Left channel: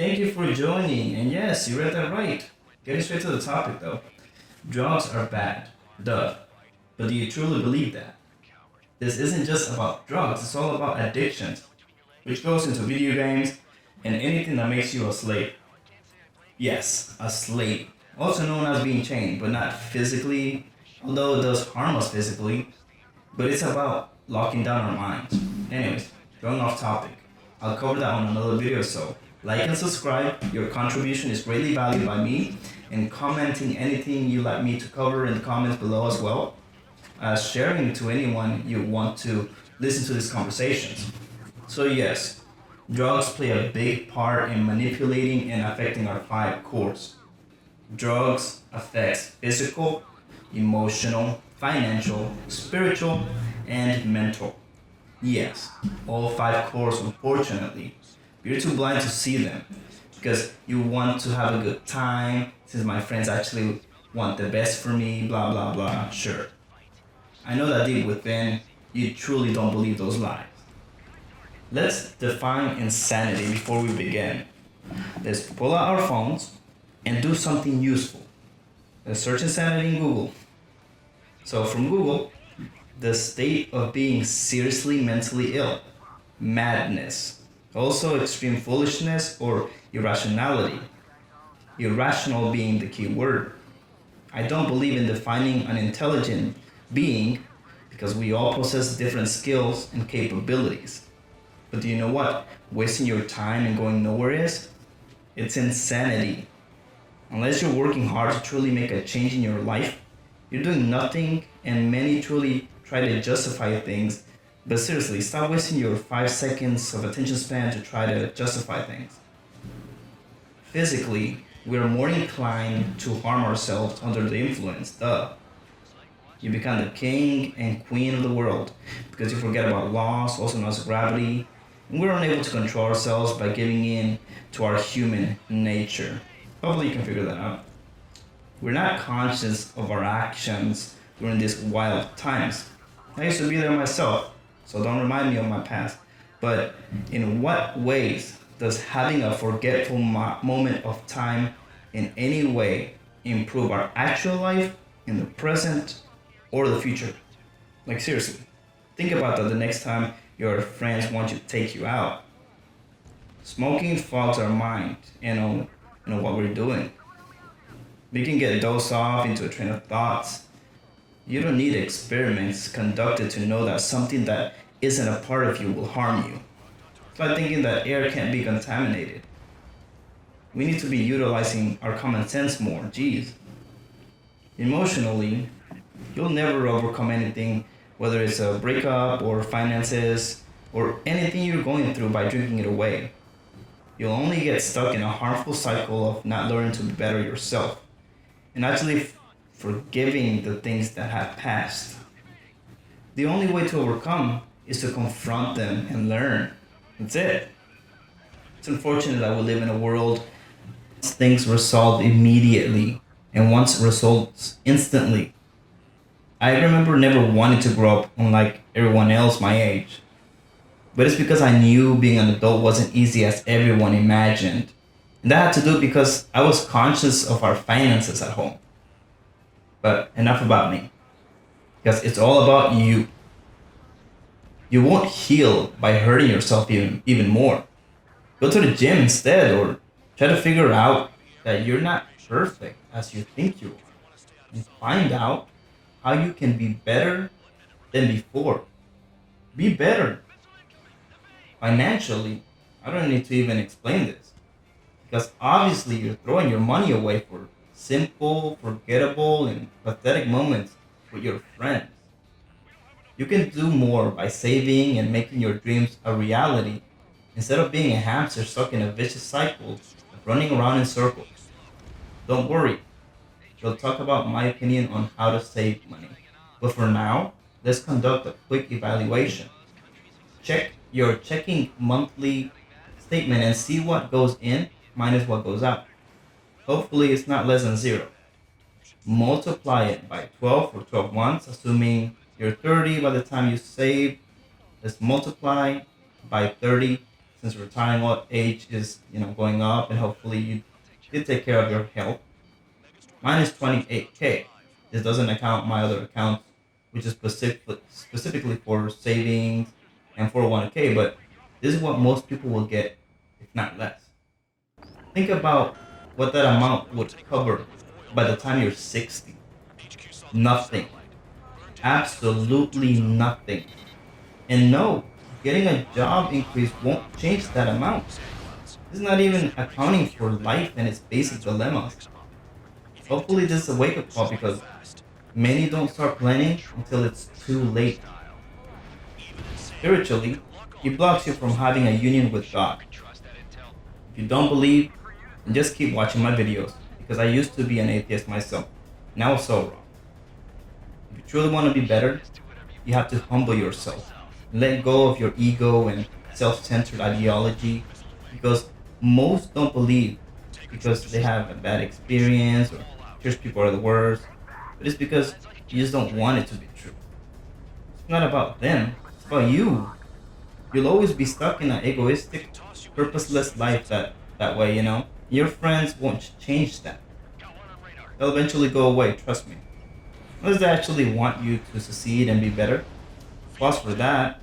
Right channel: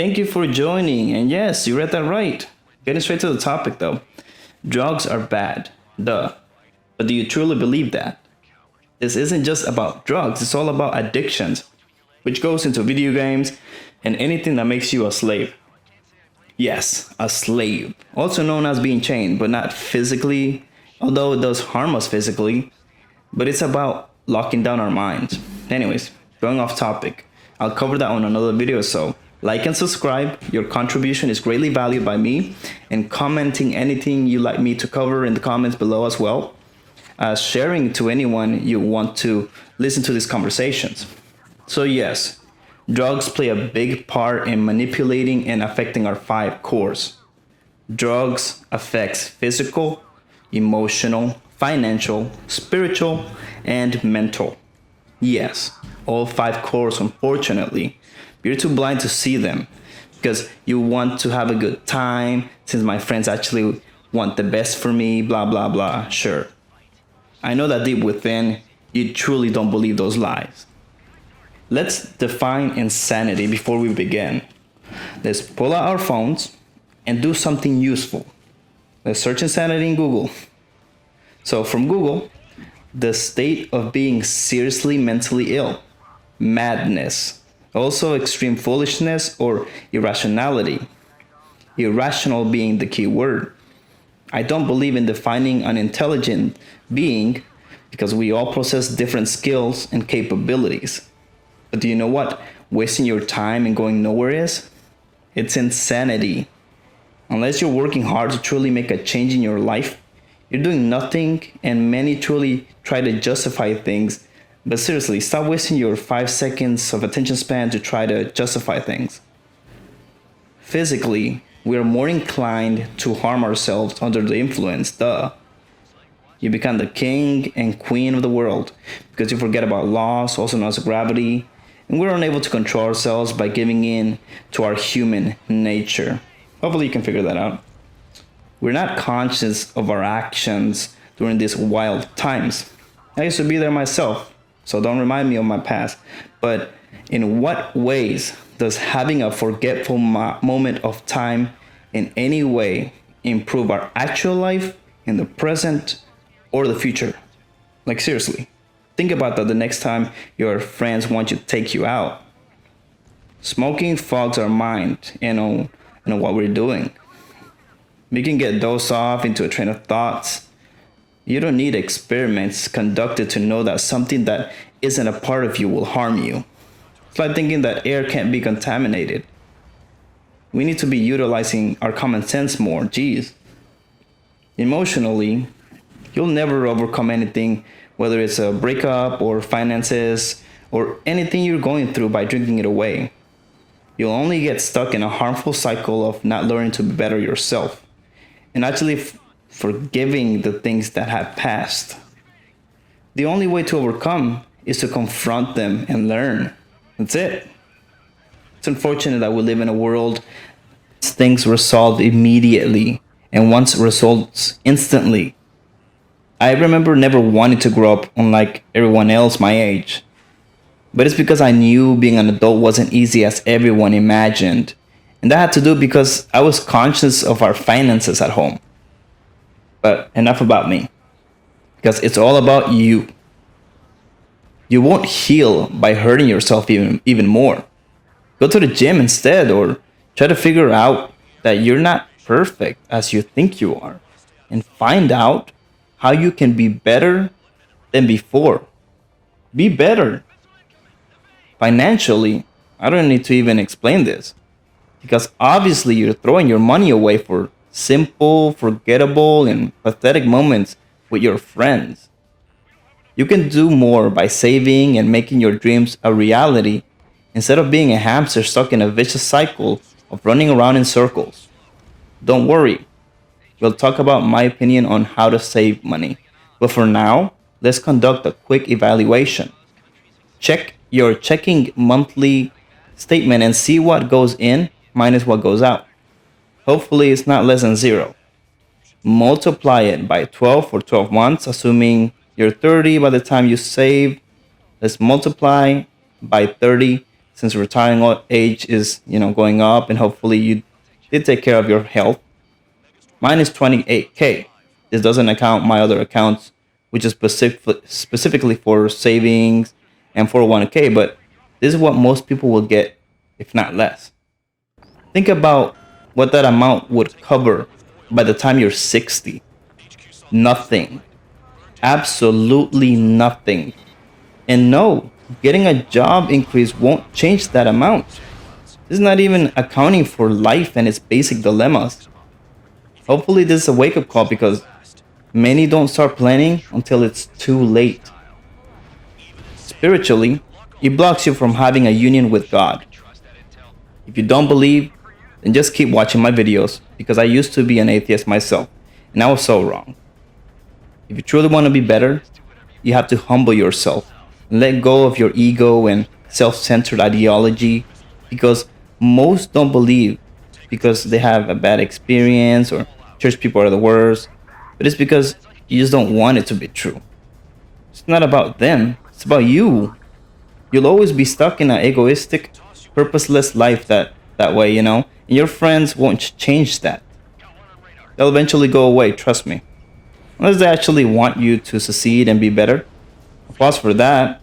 Thank you for joining. And yes, you read that right. Getting straight to the topic though. Drugs are bad. Duh. But do you truly believe that? This isn't just about drugs, it's all about addictions, which goes into video games and anything that makes you a slave. Yes, a slave. Also known as being chained, but not physically, although it does harm us physically. But it's about locking down our minds. Anyways, going off topic, I'll cover that on another video, so like and subscribe. Your contribution is greatly valued by me, and commenting anything you like me to cover in the comments below as well as sharing to anyone you want to listen to these conversations. So yes, drugs play a big part in manipulating and affecting our five cores. Drugs affects physical, emotional, financial, spiritual, and mental. Yes, all five cores, unfortunately. You're too blind to see them because you want to have a good time since my friends actually want the best for me, blah, blah, blah. Sure. I know that deep within, you truly don't believe those lies. Let's define insanity before we begin. Let's pull out our phones and do something useful. Let's search insanity in Google. So from Google, the state of being seriously mentally ill, madness, also extreme foolishness or irrationality. Irrational being the key word. I don't believe in defining an intelligent being because we all possess different skills and capabilities. But do you know what wasting your time and going nowhere is? It's insanity. Unless you're working hard to truly make a change in your life, you're doing nothing, and many truly try to justify things. But seriously, stop wasting your 5 seconds of attention span to try to justify things. Physically, we are more inclined to harm ourselves under the influence, duh. You become the king and queen of the world because you forget about laws, also known as gravity, and we're unable to control ourselves by giving in to our human nature. Hopefully you can figure that out. We're not conscious of our actions during these wild times. I used to be there myself, so don't remind me of my past. But in what ways does having a forgetful moment of time in any way improve our actual life in the present or the future? Like seriously, think about that the next time your friends want you to take you out. Smoking fogs our mind, what we're doing. We can get dosed off into a train of thoughts. You don't need experiments conducted to know that something that isn't a part of you will harm you. It's like thinking that air can't be contaminated. We need to be utilizing our common sense more, geez. Emotionally, you'll never overcome anything, whether it's a breakup or finances or anything you're going through by drinking it away. You'll only get stuck in a harmful cycle of not learning to be better yourself and actually forgiving the things that have passed. The only way to overcome is to confront them and learn. That's it. It's unfortunate that we live in a world things resolved immediately and wants results instantly. I remember never wanting to grow up unlike everyone else my age. But it's because I knew being an adult wasn't easy as everyone imagined. And that had to do because I was conscious of our finances at home. But enough about me. Because it's all about you. You won't heal by hurting yourself even more. Go to the gym instead or try to figure out that you're not perfect as you think you are. And find out how you can be better than before. Be better. Financially, I don't need to even explain this. Because obviously you're throwing your money away for simple, forgettable, and pathetic moments with your friends. You can do more by saving and making your dreams a reality instead of being a hamster stuck in a vicious cycle of running around in circles. Don't worry, we'll talk about my opinion on how to save money. But for now, let's conduct a quick evaluation. Check your checking monthly statement and see what goes in minus what goes out. Hopefully, it's not less than zero. Multiply it by 12 for 12 months, assuming you're 30 by the time you save. Let's multiply by 30 since retiring age is, going up, and hopefully you did take care of your health. Mine is 28K. This doesn't account my other accounts, which is specifically for savings and 401k, but this is what most people will get, if not less. Think about what that amount would cover by the time you're 60. Nothing. Absolutely nothing. And no, getting a job increase won't change that amount. This is not even accounting for life and its basic dilemmas. Hopefully, this is a wake up call because many don't start planning until it's too late. Spiritually, it blocks you from having a union with God. If you don't believe, then just keep watching my videos because I used to be an atheist myself and I was so wrong. If you truly want to be better, you have to humble yourself and let go of your ego and self centered ideology because most don't believe because they have a bad experience or church people are the worst, but it's because you just don't want it to be true. It's not about them, it's about you. You'll always be stuck in an egoistic, purposeless life that way, and your friends won't change that. They'll eventually go away, trust me. Unless they actually want you to succeed and be better. Applause for that,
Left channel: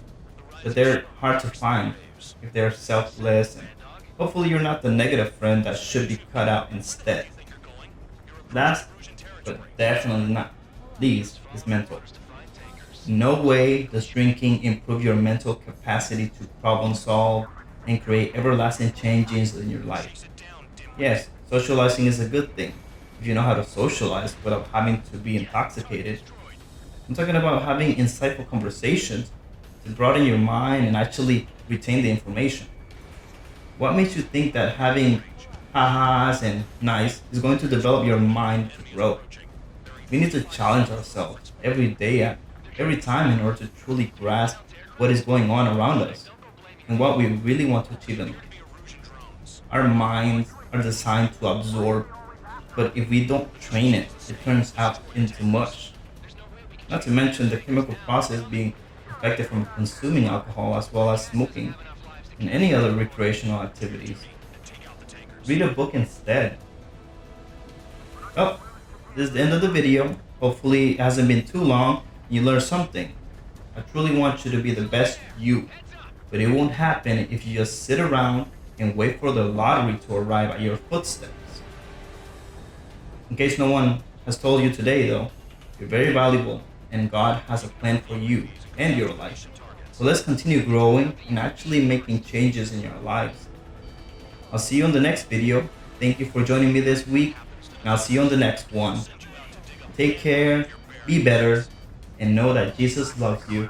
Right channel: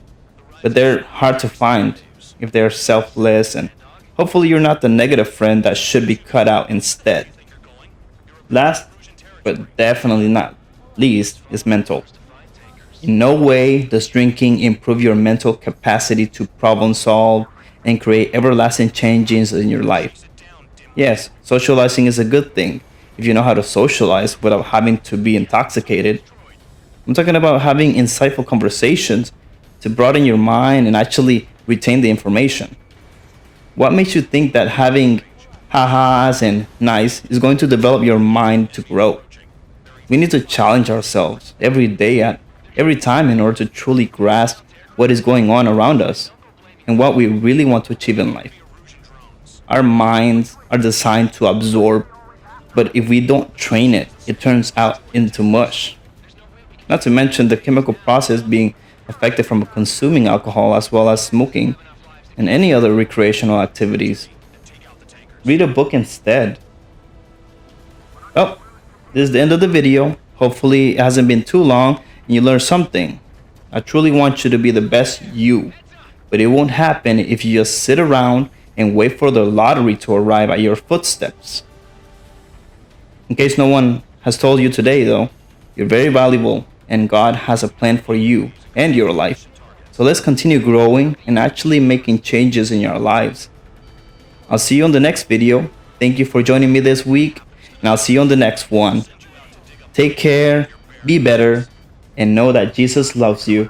but they're hard to find if they're selfless, and hopefully you're not the negative friend that should be cut out instead. Last, but definitely not least, is mental. In no way does drinking improve your mental capacity to problem solve and create everlasting changes in your life. Yes, socializing is a good thing if you know how to socialize without having to be intoxicated. I'm talking about having insightful conversations to broaden your mind and actually retain the information. What makes you think that having ha-has and nice is going to develop your mind to grow? We need to challenge ourselves every day at every time in order to truly grasp what is going on around us and what we really want to achieve in life. Our minds are designed to absorb, but if we don't train it, it turns out into mush. Not to mention the chemical process being affected from consuming alcohol as well as smoking and any other recreational activities. Read a book instead. Oh, this is the end of the video. Hopefully, it hasn't been too long and you learned something. I truly want you to be the best you, but it won't happen if you just sit around and wait for the lottery to arrive at your footsteps. In case no one has told you today, though, you're very valuable and God has a plan for you and your life. So let's continue growing and actually making changes in your lives. I'll see you on the next video. Thank you for joining me this week, and I'll see you on the next one. Take care, be better, and know that Jesus loves you.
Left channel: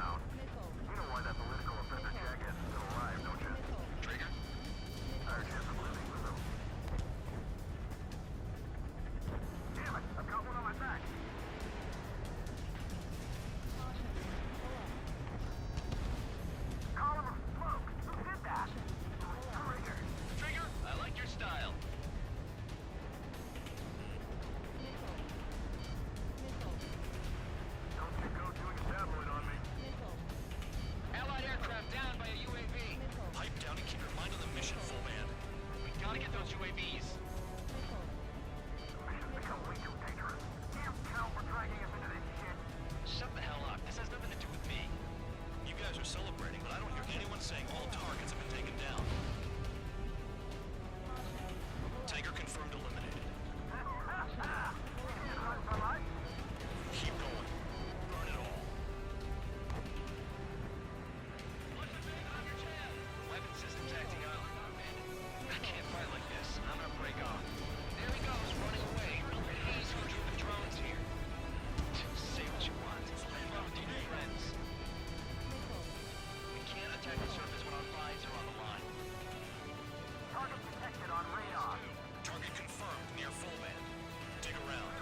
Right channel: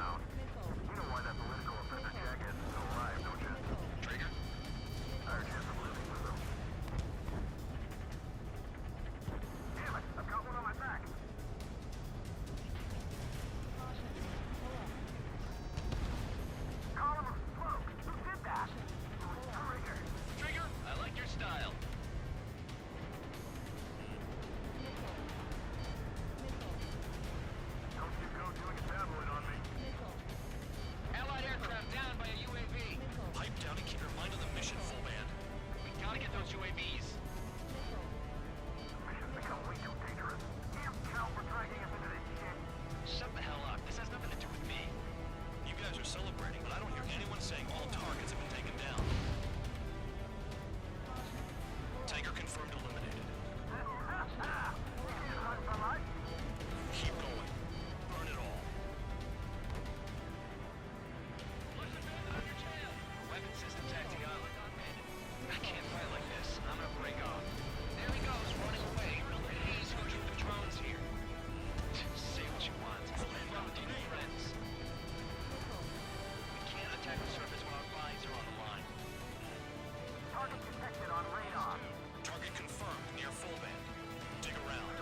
Celebrating, but I don't hear anyone saying all targets have been taken down. Tiger confirmed eliminated. Keep going. Burn it all. What's the bandit on your tail? Weapon systems acting up. I can't fight like this. I'm gonna break off. There he goes, running away. He's who drew the drones here. Say what you want. Have fun with your new friends. Attack the surface when our lives are on the line. Target detected on radar. Target confirmed near full band. Dig around.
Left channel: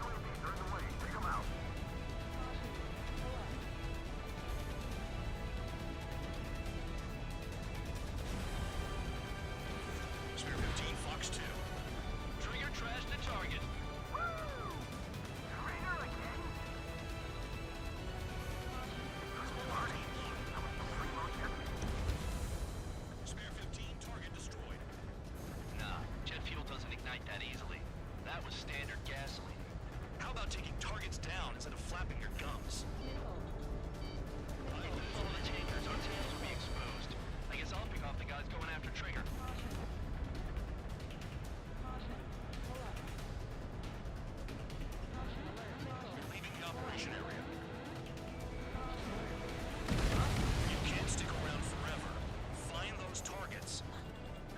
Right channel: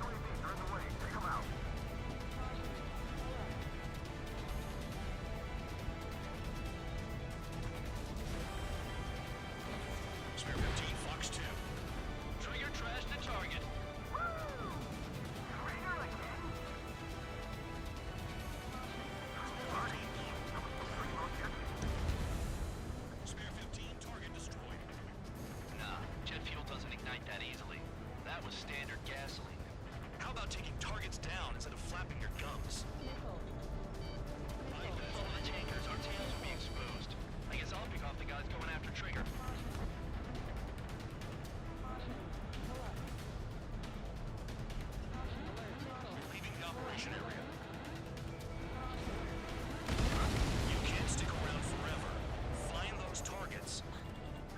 UAVs are in the way. Take them out. Spare 15, Fox 2. Trigger trash the target. operation area. You can't stick around forever. Find those targets.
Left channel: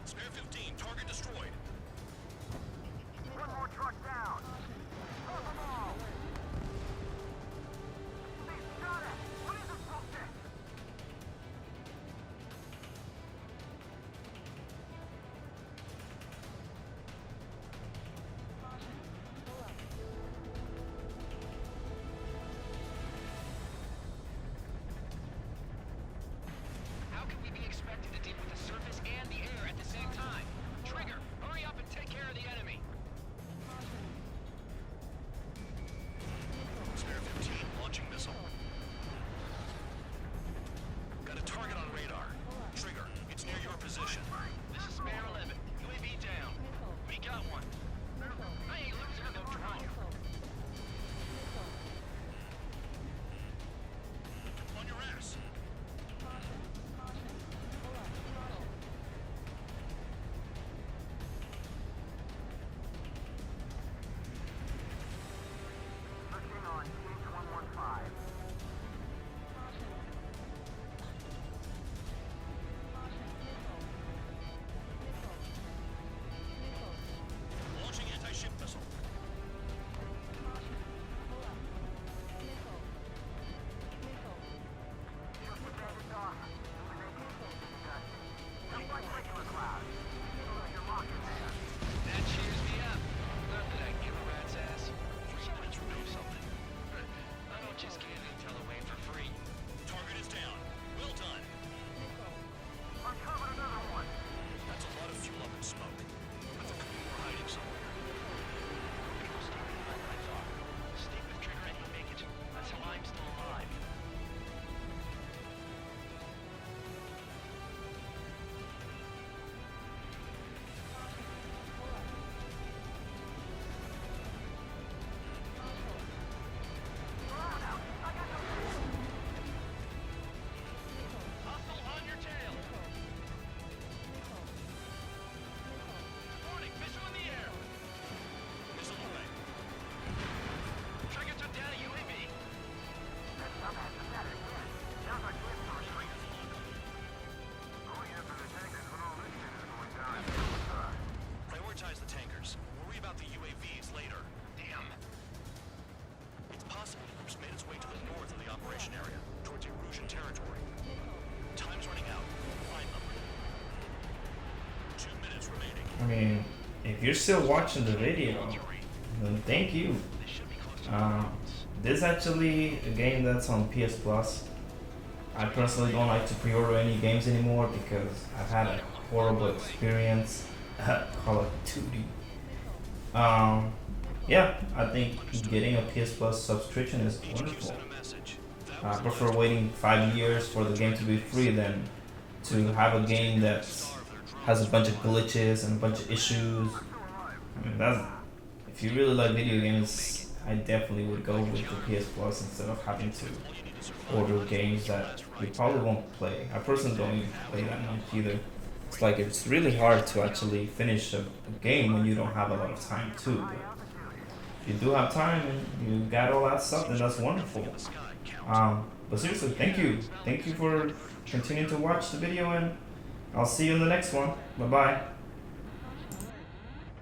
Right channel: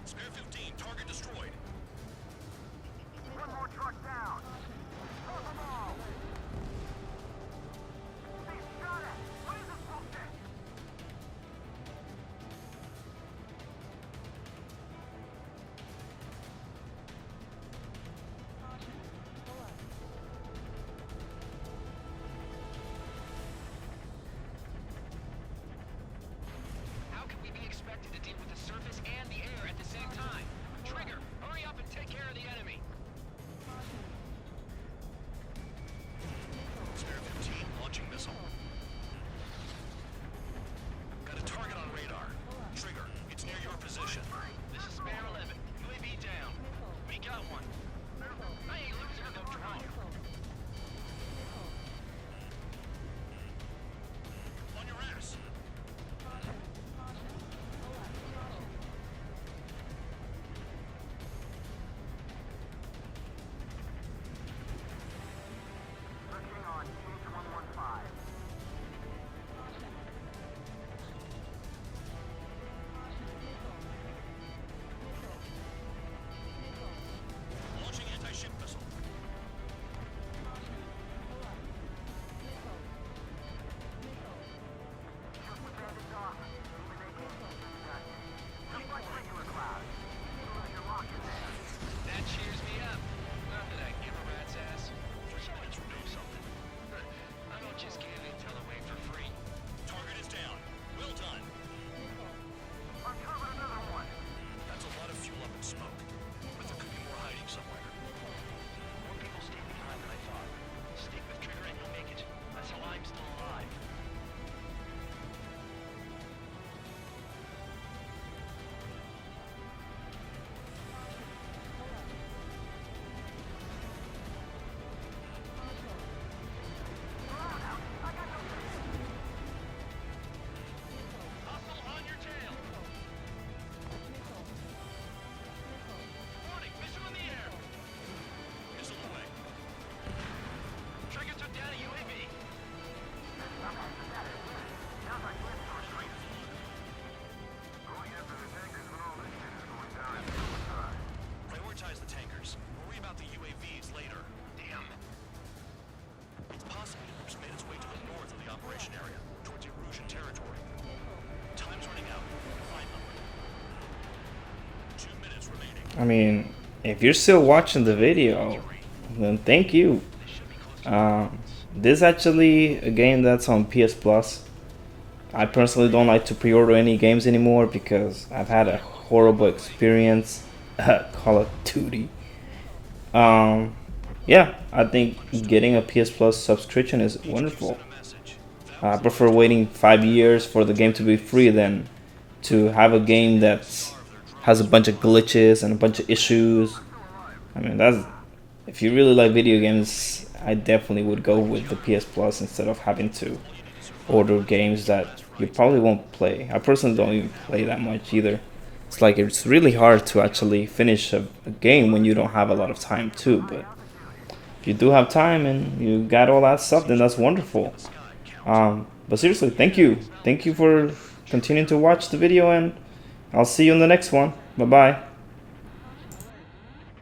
Spare 15, target destroyed. One more truck down. Hold them all. They shot at. What is this bullshit? How can we be expected to deal with the surface and the air at the same time? Trigger, hurry up and take care of the enemy. Spare 15, launching missile. Got a target on radar. Trigger, it's near your position. This is Spare 11. UAV down. We got one. I ain't losing to no drone. On your ass. Switching on CH-115. Launching anti-ship missile. Shoot the bandits off. Even they can't get in the gut. Just like regular clouds. You're locked in there. That cheers me up. Not that I give a rat's ass. Someone to know something. I don't just give intel away for free. Target is down. Well done. Uncovered another one. That's a lot of fuel up in smoke. But there could be more hiding somewhere. More people stay behind than I thought. Stick with Trigger and you'll make it. That's how I'm still alive. Hustle on your tail. Warning, missile in the air. Missile away. Trigger took down a UAV. Sounds like we're going after the tankers when all this shit is going down. Prioritize the tankers. Worry about the UAVs later. Damn. It's possible the group's made its way to the north of the operation area, towards Erusian territory. Time's running out. Find them. 2 minutes remaining. I mean, if you're still watching the video, then thank you. This should be close to This is actually a game that's on PS Plus. I personally don't like to pre-order any games anymore because I've had a horrible experience at Call of Duty. Yeah, I think getting a PS Plus subscription is wonderful. Send a message. I prefer waiting 5 years for the game to be free than to have a game that has a bunch of glitches and a bunch of issues. I mean, that's if you really like video games, I definitely would go with the PS Plus instead of having to order games that you probably won't play. I personally don't even play that much either. It's like it's really hard to actually finish a game when you don't have a lot of time too. But if you do have time and you got all that stuff, then that's wonderful. But seriously, thank you. Thank you for continuing to watch the video, and I'll see you in the next one. Bye bye.